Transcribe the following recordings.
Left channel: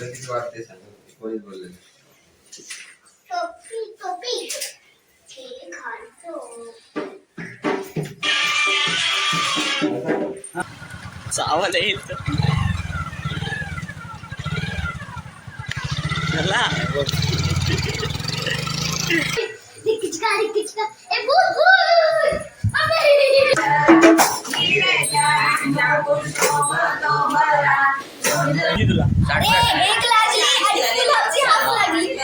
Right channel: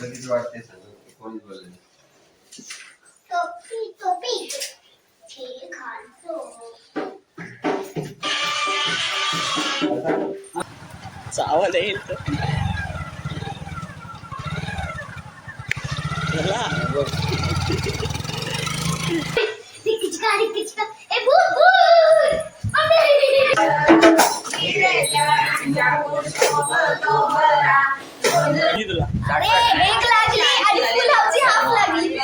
तुला किती वाटते सांग. कोणीच बोलले टोपी टोपी. घालतो चावल येईल चला किचका किचका ए भूत भूत अबे. मी तुला अरे एक लागली आणि फुलाची हाफ लागली.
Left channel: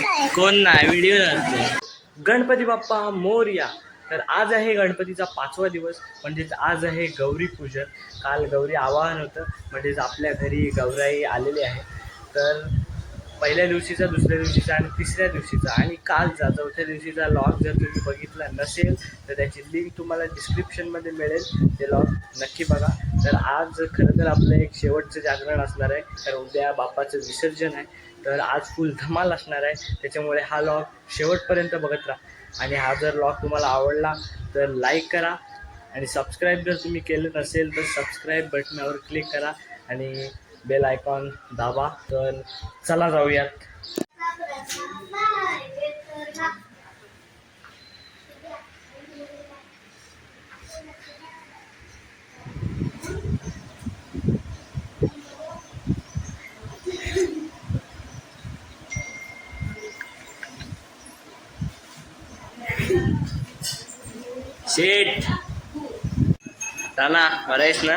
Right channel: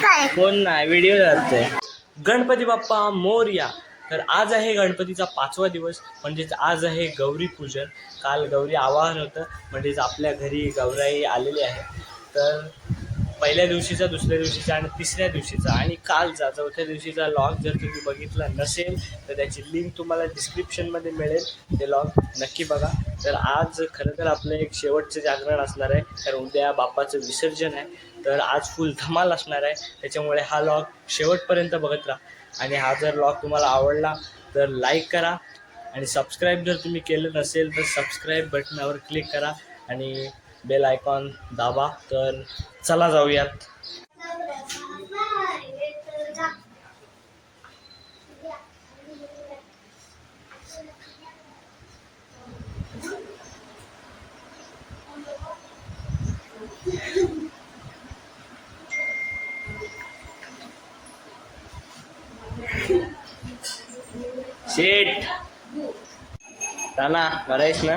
काय कोण नाही व्हिडिओ जाते गणपती बाप्पा मोरया. तर आज आहे गणपतीचा पाचवा दिवस म्हणजेच आज आहे गौरी पूजन. काल गौरी आवाहन होतं म्हणजेच आपल्या घरी गौराई आलेली आहे. तर पहिल्या दिवशीचा दुसऱ्या दिवशीचा आणि तिसऱ्या दिवशीचा. आणि कालचा चौथ्या दिवशीचा लॉग जर तुम्ही बघितला नसेल तर त्याची लिंक तुम्हाला डिस्क्रिप्शनमध्ये मिळेल. ते लॉग नक्की बघा. तर आज खरं तर आपलं एक शेवटचं जागरण असणार आहे. तर उद्या बापाचं विसर्जन आहे. तर आज फुल धमाल असणार आहे. त्याच्यामुळे हा लॉग शेवटपर्यंत बघत राहा. आणि हा जर लॉग तुम्हाला आवडला तर लाईक करा. आणि सबस्क्राईब जर तुम्ही केलं नसेल तर सबस्क्राईब बटनावर क्लिक करा. आणि बेल आयकॉन दाबा तर चला जाऊयात. शेट ना बरं आहेस ना?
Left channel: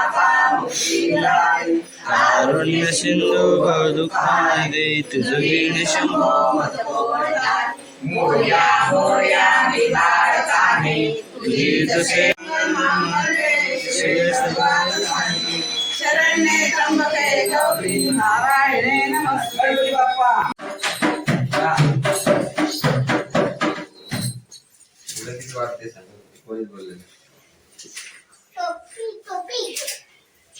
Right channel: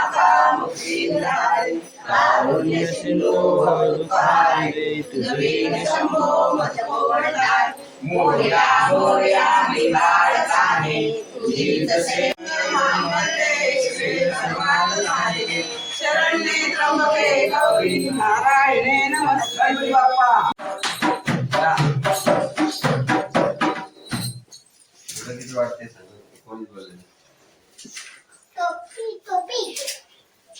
कारुण्य सिंधू दुःखादे तुझे शंभो तुझे जसे शरण्ये त्र्यंबके गौरी नारायणे बाप्पा. वाटते सांग? कोणीच बोलले? टोपी टोपी.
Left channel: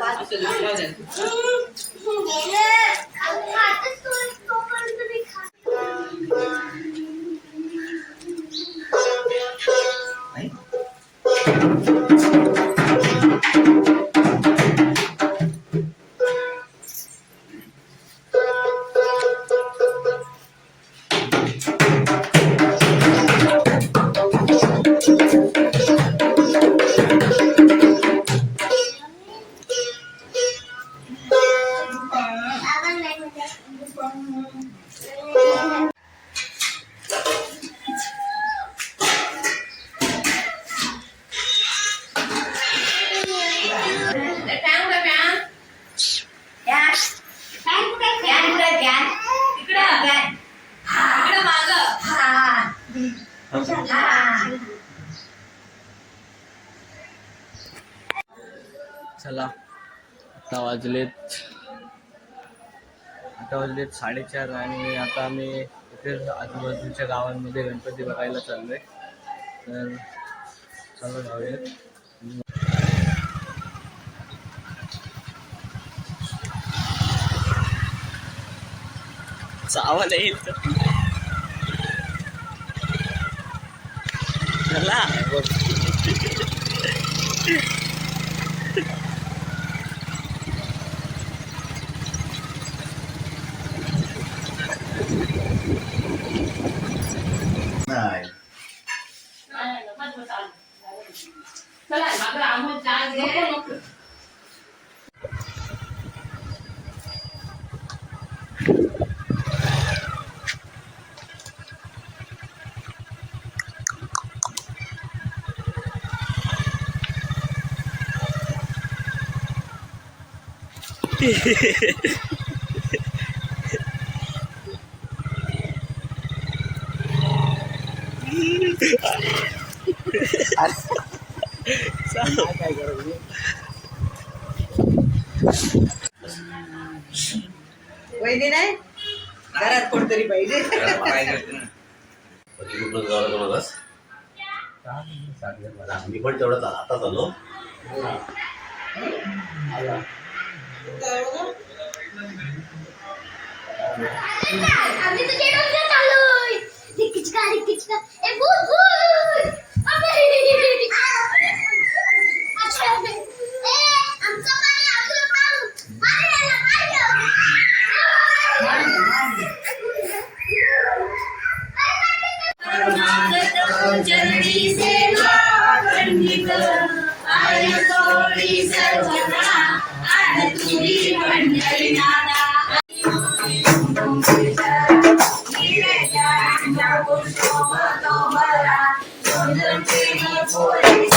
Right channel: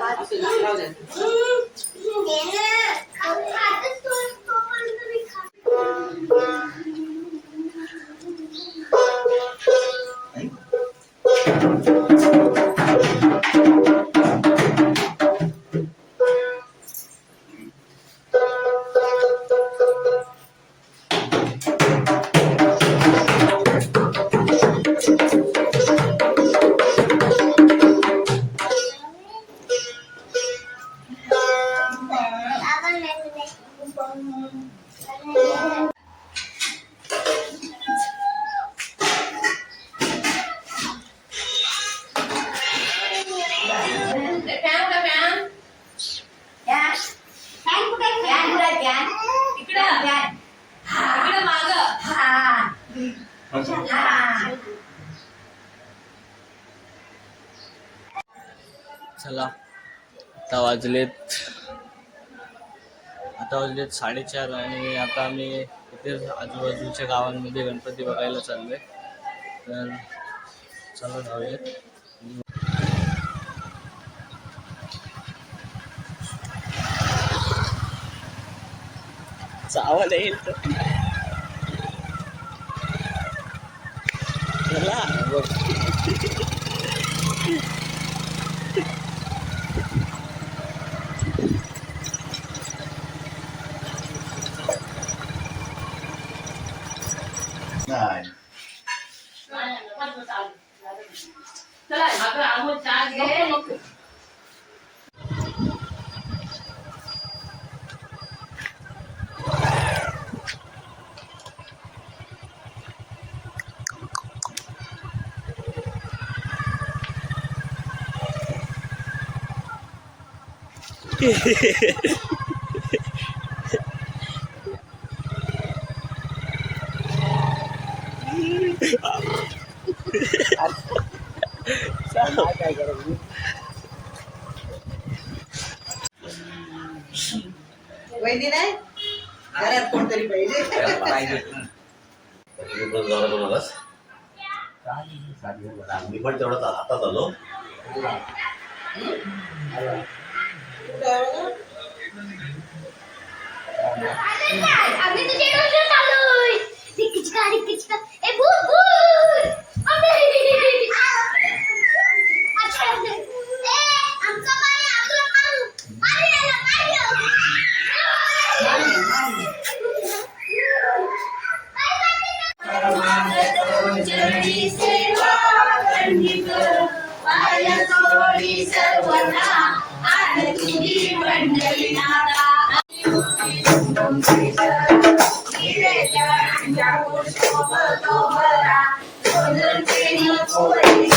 얘는 음, 음, 아파 वाजलेत. आता वाजलेत साडेचार आणि आता आम्ही इथे आजूबाजूच्या गावांमध्ये गणपती बघायला चाललोय. तर चला जाऊयात. चावल येईल तर चला. वहिनी नाही घरात कोणतरी पाहिजे मी पण तेवढं हातात आलो. आम्ही तुझे डोक्यात आलोय. रिकिचका का ए भूत भूत Thanks, ladies.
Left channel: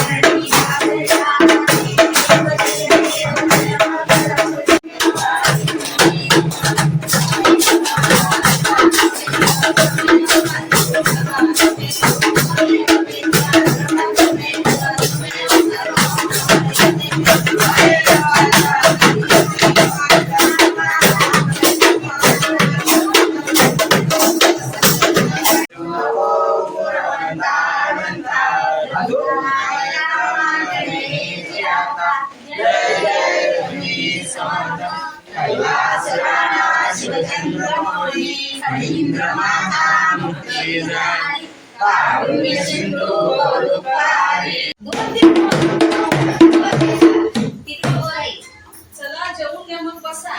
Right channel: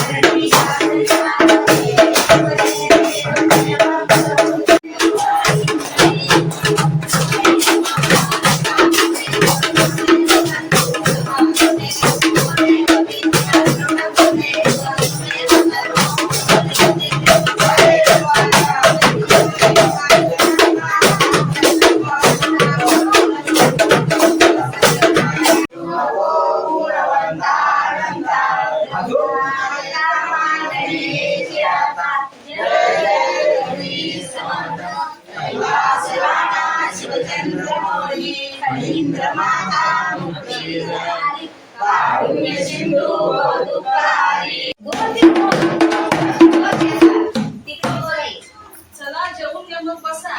चला जेवून घ्या मग बसा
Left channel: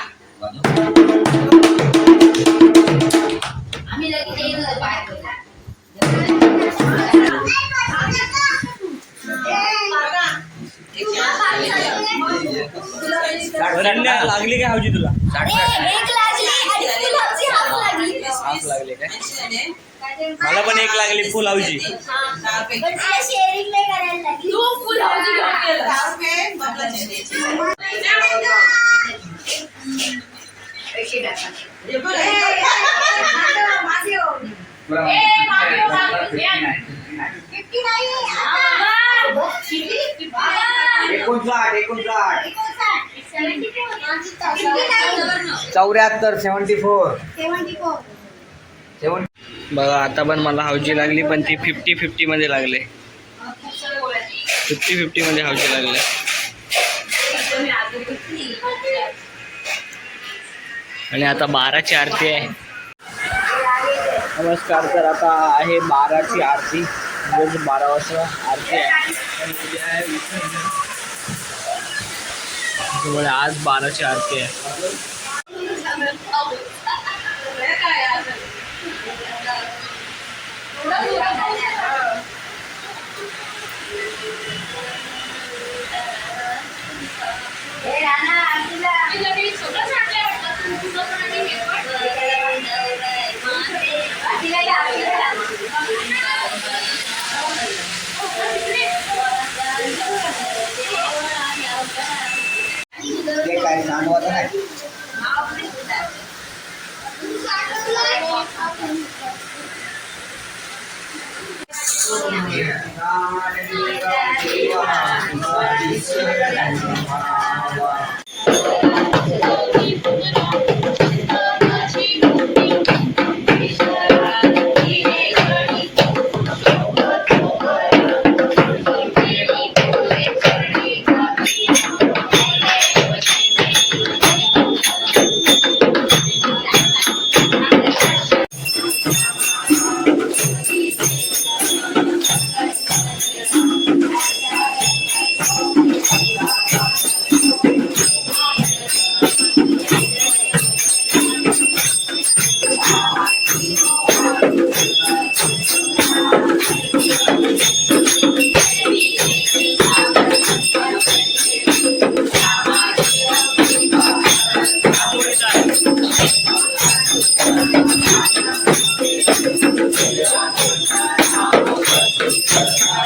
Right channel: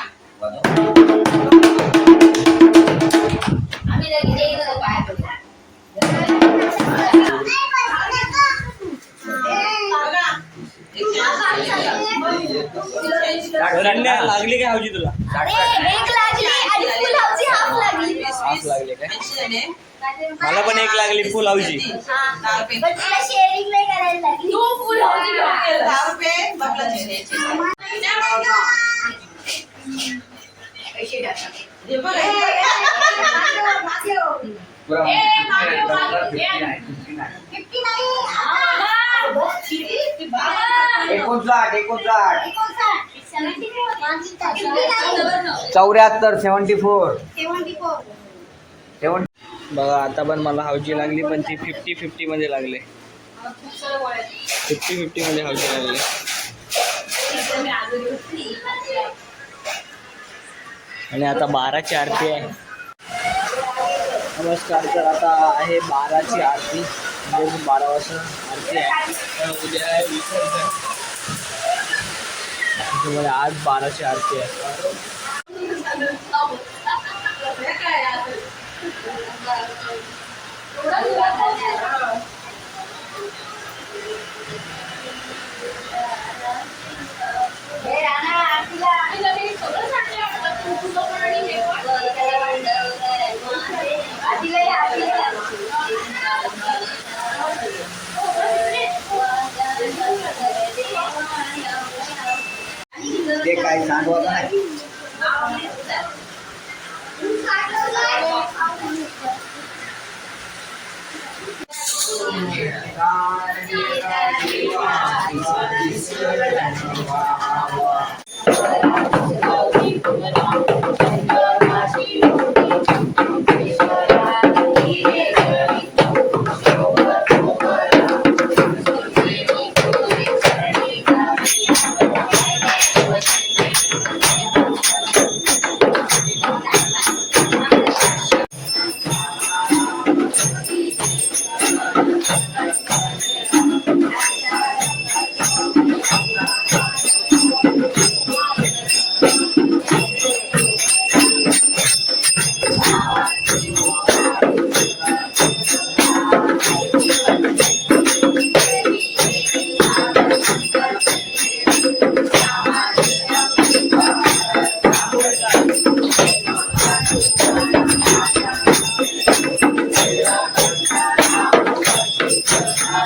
आम्ही लगेच येईल पाय पडला बघा रण्या लागली काय हवजी तुला? हाफ लागली हाफ लागले काय? मला पण एक लागली फुल हे हे एकोणसाठ. एकोणसाठ. फोर चौऱ्याहत्तर सेवन्टी फोर बघा आता पण मला हावजी लागली पण ती फिफ्टी फिफ्टी मध्ये लागले. फिफ्टी फिफ्टी मध्ये हवजी लागले. आणि आता बाराची आरती आहे. नमस्कार तर आता आहे बाराची आरती. म्हणजे बारा वाजता आरती आहे. उद्या आहे विसर्जन आज बाराची आरती आहे.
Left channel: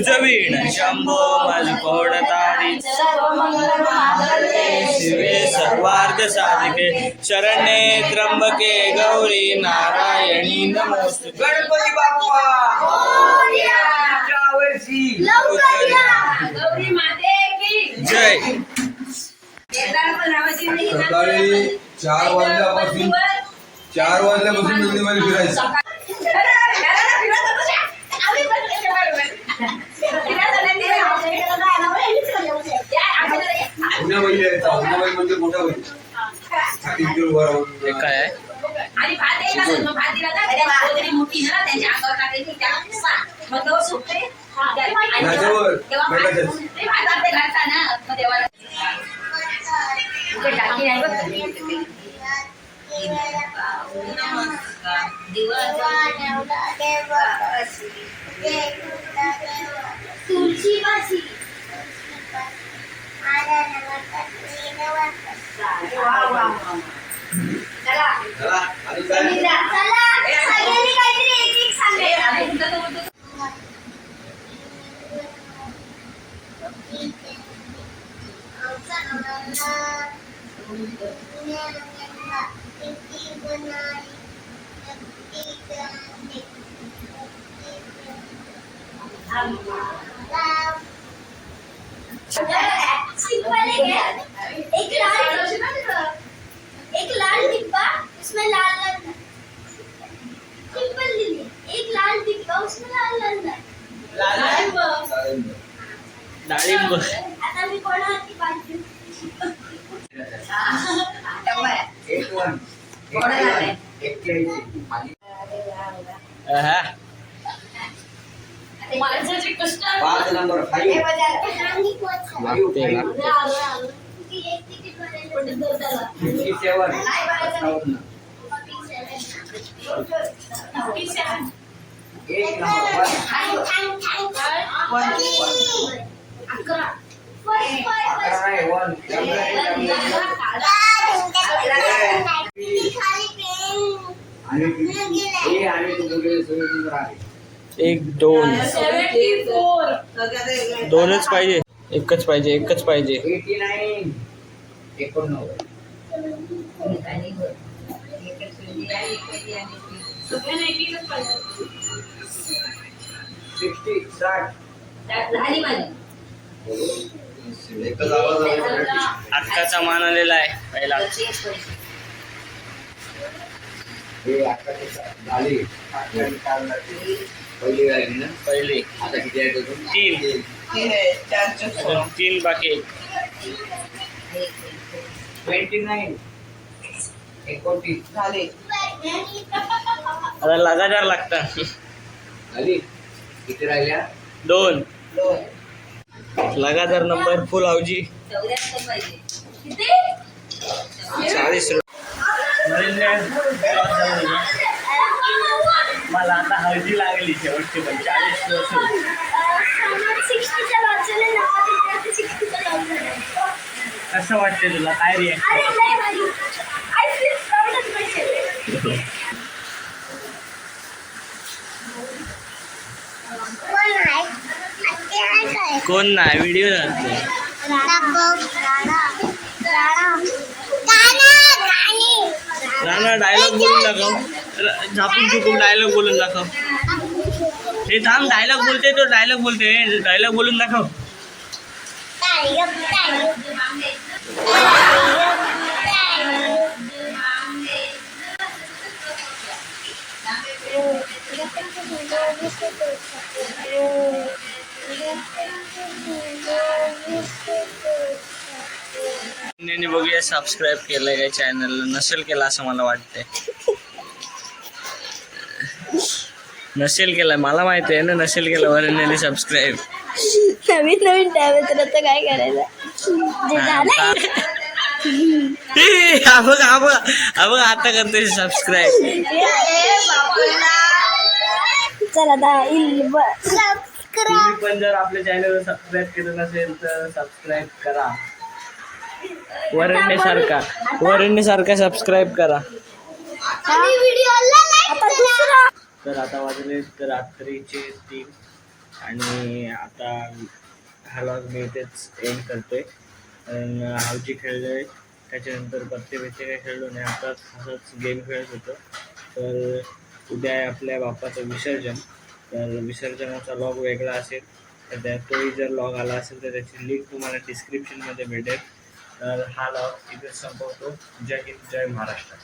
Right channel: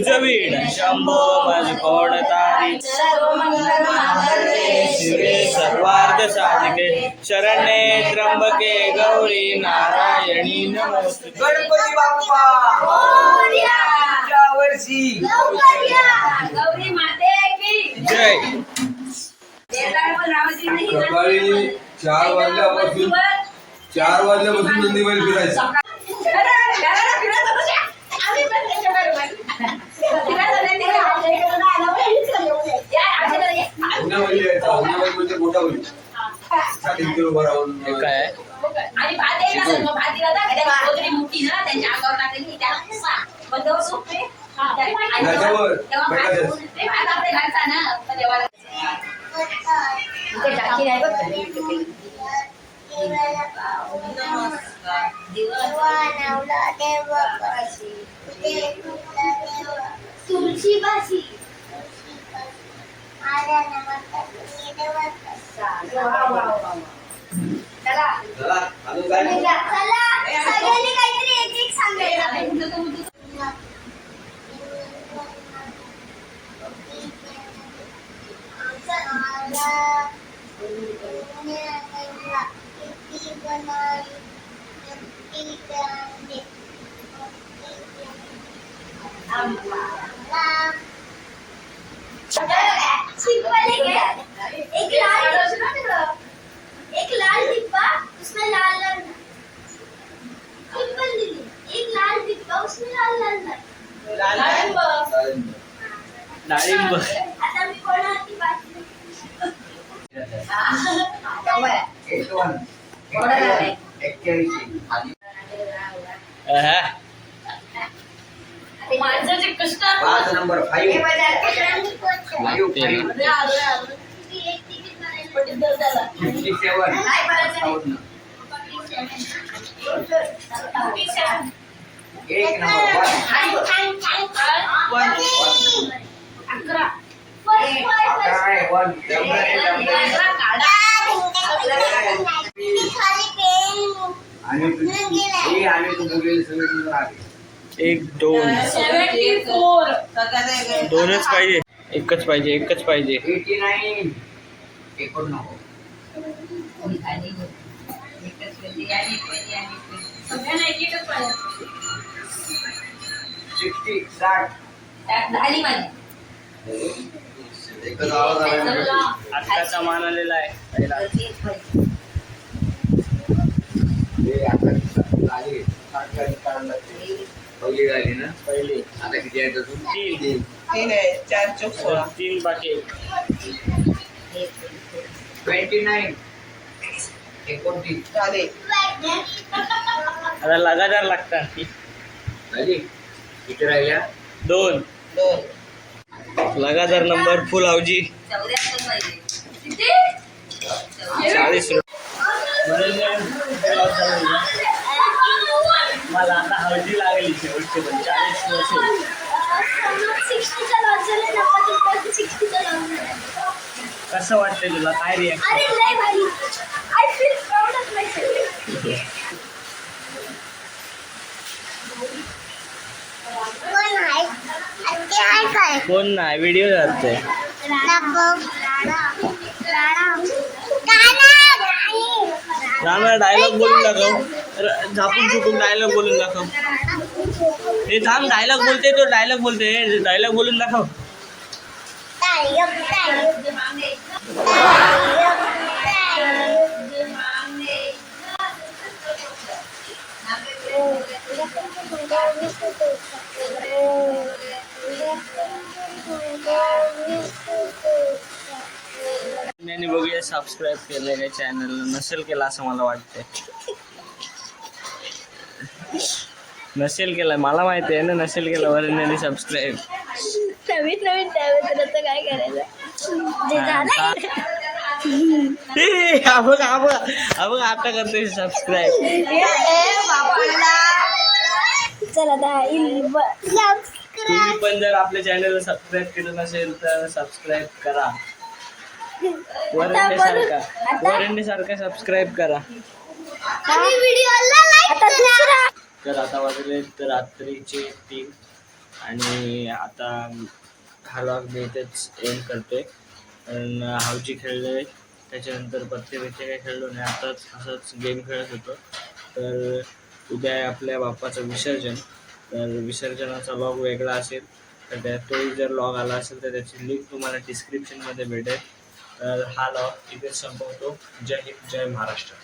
तुझ वीण. शंभो मज कोण तारी. सर्व मंगल मांगल्ये शिवे सर्वार्थ साधिके. शरण्ये त्र्यंबके गौरी नारायणी नमोस्तुते गणपती बाप्पा. जय. सकाळी चार वाजल्यापासून चार वाजल्यापासून नंदीबाई फिरायचं आम्ही पण त्याच्याबरोबर. फिरायचं नाही ते आमच्या इकडे जायला पण या, आमच्याकडे यायचं पुण्यामध्ये म्हणजे मोठा बैल छातीत उभं राहून हे काय आहे आणि भात द्यायला जातो. मग भात दिला तर त्या वगैरे मोठी ना त्यांच्या अंगावर टाकायची त्याला सा. मग तो सुकते. आणि त्याच्यावर तेव्हा भात- बैलाच्याच. ते भात आपल्या घरचा ना मग देवाला इकडे टाकी आहे बघ तुळशी भाजी चला चला अजून काय चला सगळ्यांनी काहीतरी एक एक सांगायचं सिंपल है एक लाल एक लाल डिब्बा उसमें लाल लाल नट। सिंपल दीदी एक लाल डिब्बा उसमें लाल लाल नट। डाळिंब आता मी कोणाची बाजू एक वन एक्क्याऐंशी आणि अहा. माणसाचे कष्ट पाच नंबर फाईव्ह फिफ्टी सेवन एक नंबर वन अकरा एक दोन. दोनच पाहिजे. एकच पाहिजे एकच पाहिजे. एटी नाईन एकोणनव्वद. सिक्स्टी साठ झाली माझी एकच आवाज आला अक्काचा मान आलेला आहे. पहिला हे पहिली राहिली ना? पहिली. आता किती आहेत अजून? तीन. तीन. आहे. चार चौक तीन बाकी एक ट्वेंटी नाईन एकोणतीस. झाले. आता लगातार लागतात. झाली. किती राहिल्या? दोन. दोन. लगातार नंबर फुल पाहिजे चाळीस मला आता हळदी लागली शेवटची पण चाळीस वर्ष कसं वाटते तुला? काय रिॲक्शन कोण नाही व्हिडिओ जातोय राणा डायलॉग बोलून दाखव र- झापून चुकून डायलॉग बोलून दाखव हे थांब डायलॉग बोलते तो डायलॉग बोलते डायलॉग बोलून दाखव यांनी बघूया सबस्क्राईब केलंय काय चॅनल नसेल केलं असं मला वाटतंय. नसेल केलं मला माहिती आहे ना नसेल केलं वरण्याने सबस्क्राईब नवीन नवीन टॅब तर आता काय करायचं? हा बघ आता करतोय सबस्क्राईब चला दहा तुम्ही पण जर आपल्या चॅनलला सबस्क्राईब केलं नसेल तर सबस्क्राईब करा. वरण्य सारखा वरण्य सारखा सबस्क्राईब करा. आणि व्हिडिओला लाईक आता दुसरा. तर आता वाजले तर रात्रीचे तीन. आणि आता हा लॉग मी इथेच एंड करतोय. कारण हावजी खेळलोय त्याच्यानंतर पत्ते बित्ते काय खेळलो नाही. आताच असंच गेम खेळत होतो. तर उद्या आहे आपल्या बाप्पाचं विसर्जन. तर विसर्जनाचा लॉग वेगळा असेल तर त्या तोही जर लॉग आला असेल तर त्याची लिंक तुम्हाला डिस्क्रिप्शनमध्ये भेटेल. तर हा लॉग इथे संपवतो. जय हिंद जय महाराष्ट्र.